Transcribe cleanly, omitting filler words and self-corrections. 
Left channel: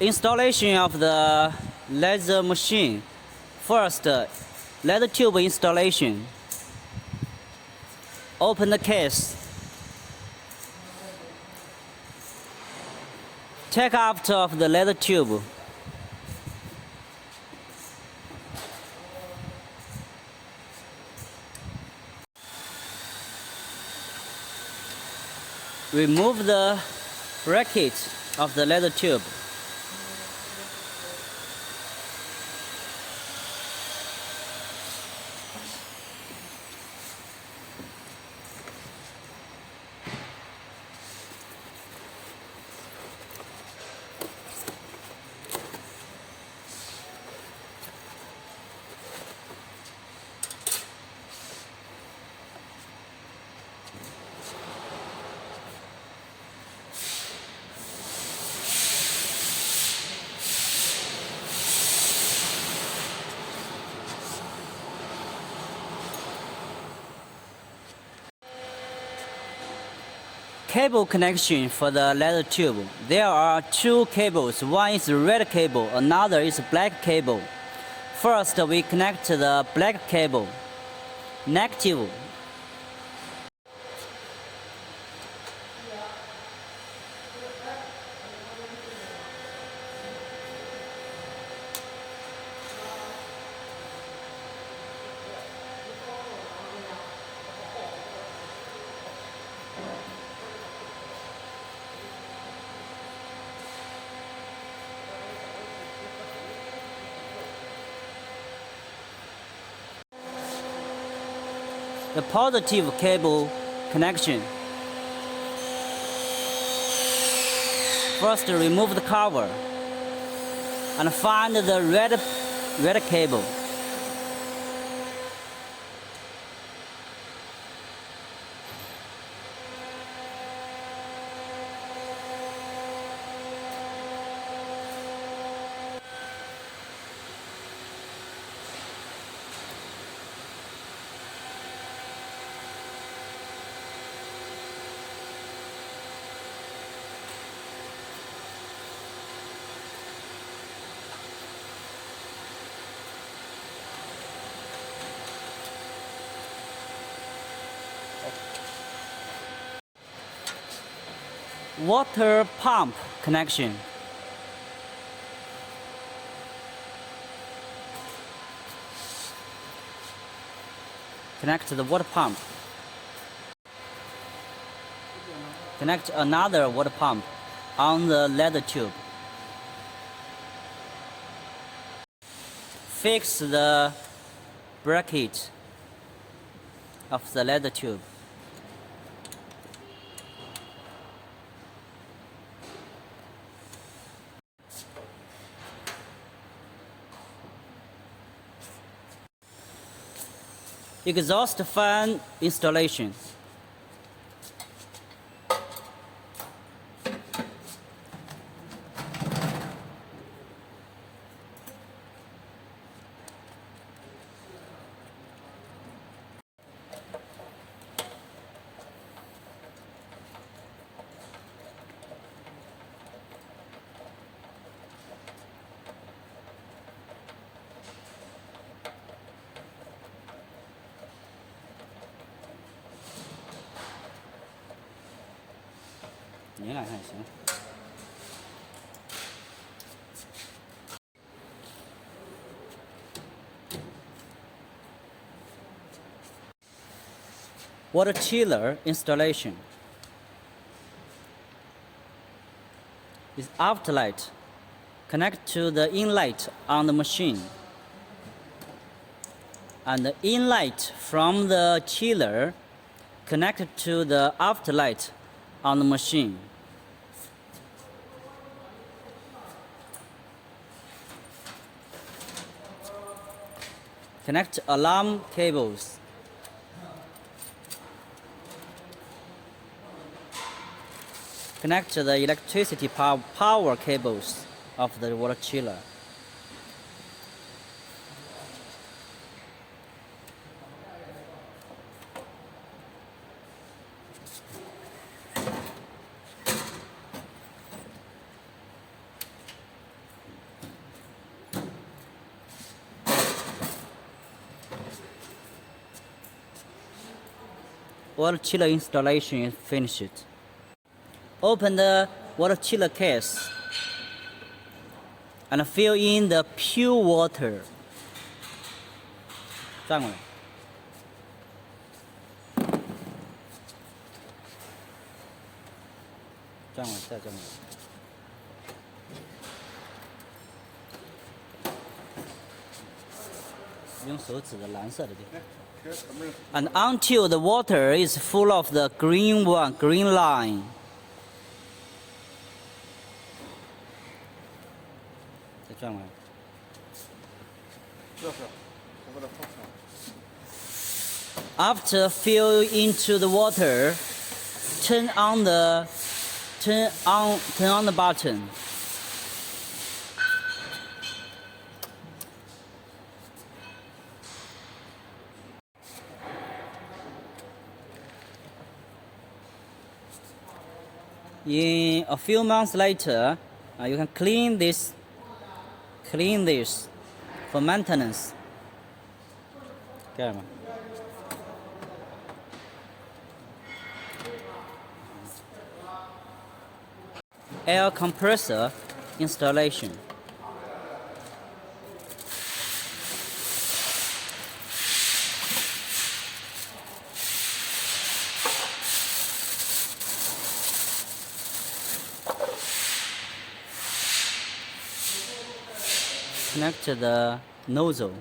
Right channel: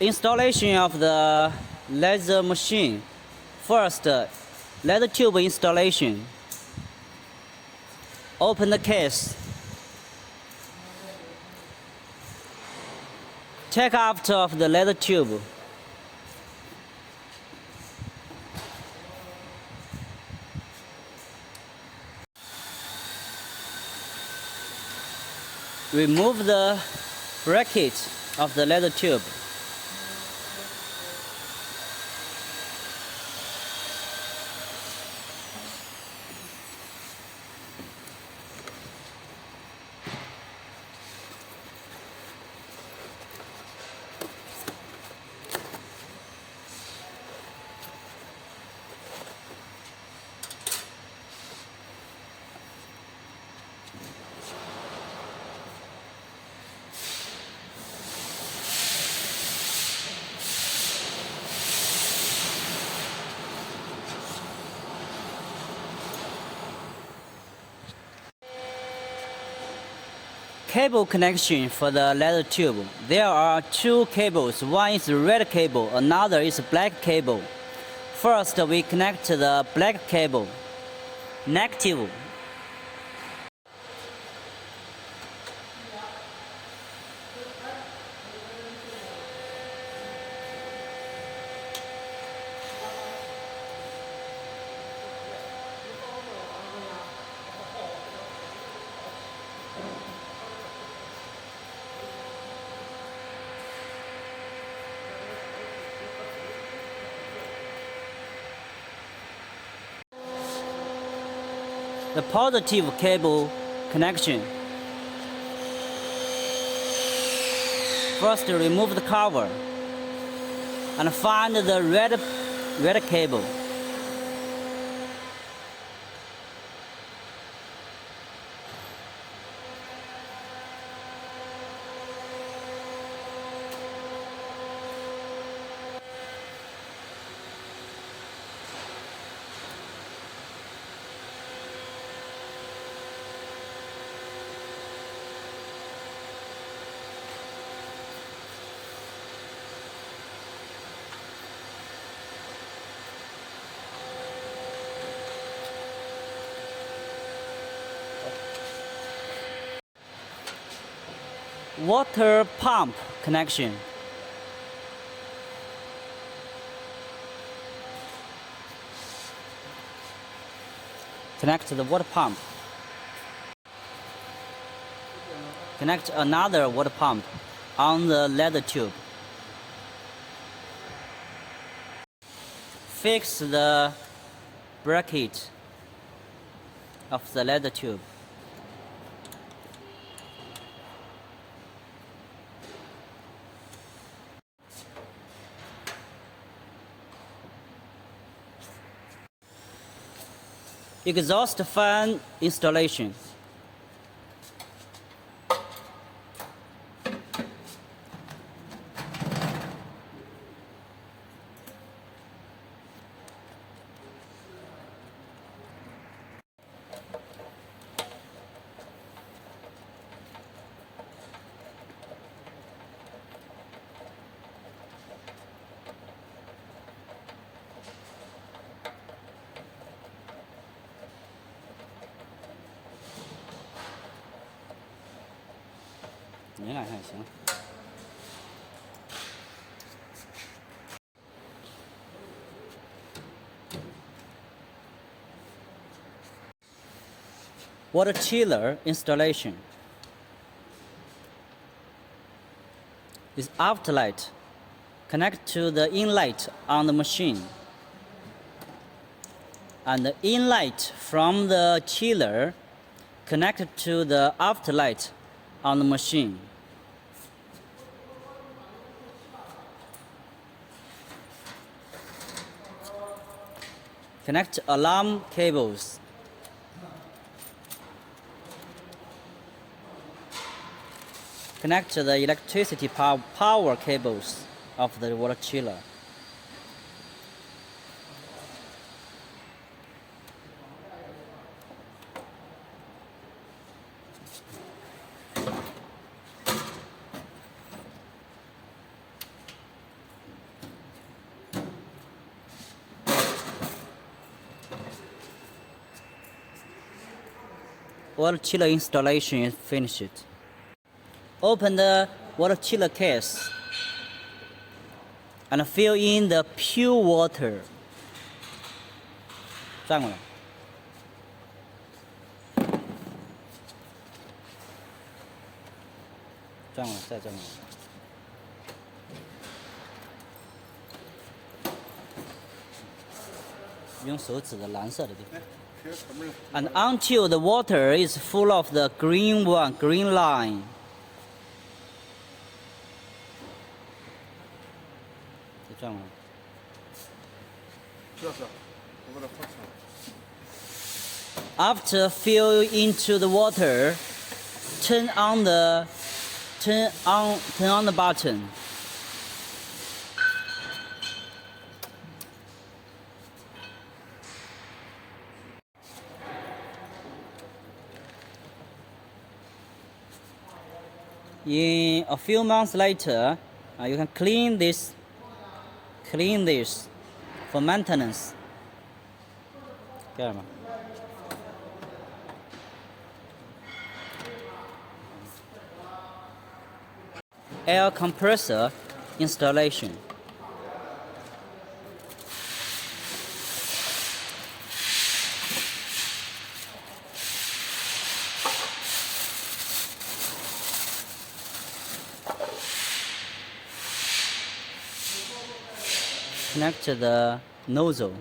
Installation of the laser machine. First, laser tube installation. Open the case. Take out of the laser tube. Remove the bracket of the laser tube. Cable connection for the laser tube. There are two cables. One is red cable, another is black cable. First, we connect the black cable. Negative. The positive cable connection. First, remove the cover and find the red cable. Water pump connection. Connect the water pump. Connect another water pump on the laser tube. Fix the bracket of the laser tube. Exhaust fan installation.拧两下也行。Water chiller installation. With outlet, connect to the inlet on the machine. And the inlet from the chiller connect to the outlet on the machine. Connect alarm cables. Connect the electricity power cables of the water chiller. water chiller installation is finished. Open the water chiller case and fill in the pure water. 站过来。站过来，再站过来。用手指的蓝色的地方。And until the water is full of the green line. 再转过来。After fill into the water, turn on the button. In a few months later, you can clean this for maintenance. 干嘛？ Air compressor installation. Connect the nozzle.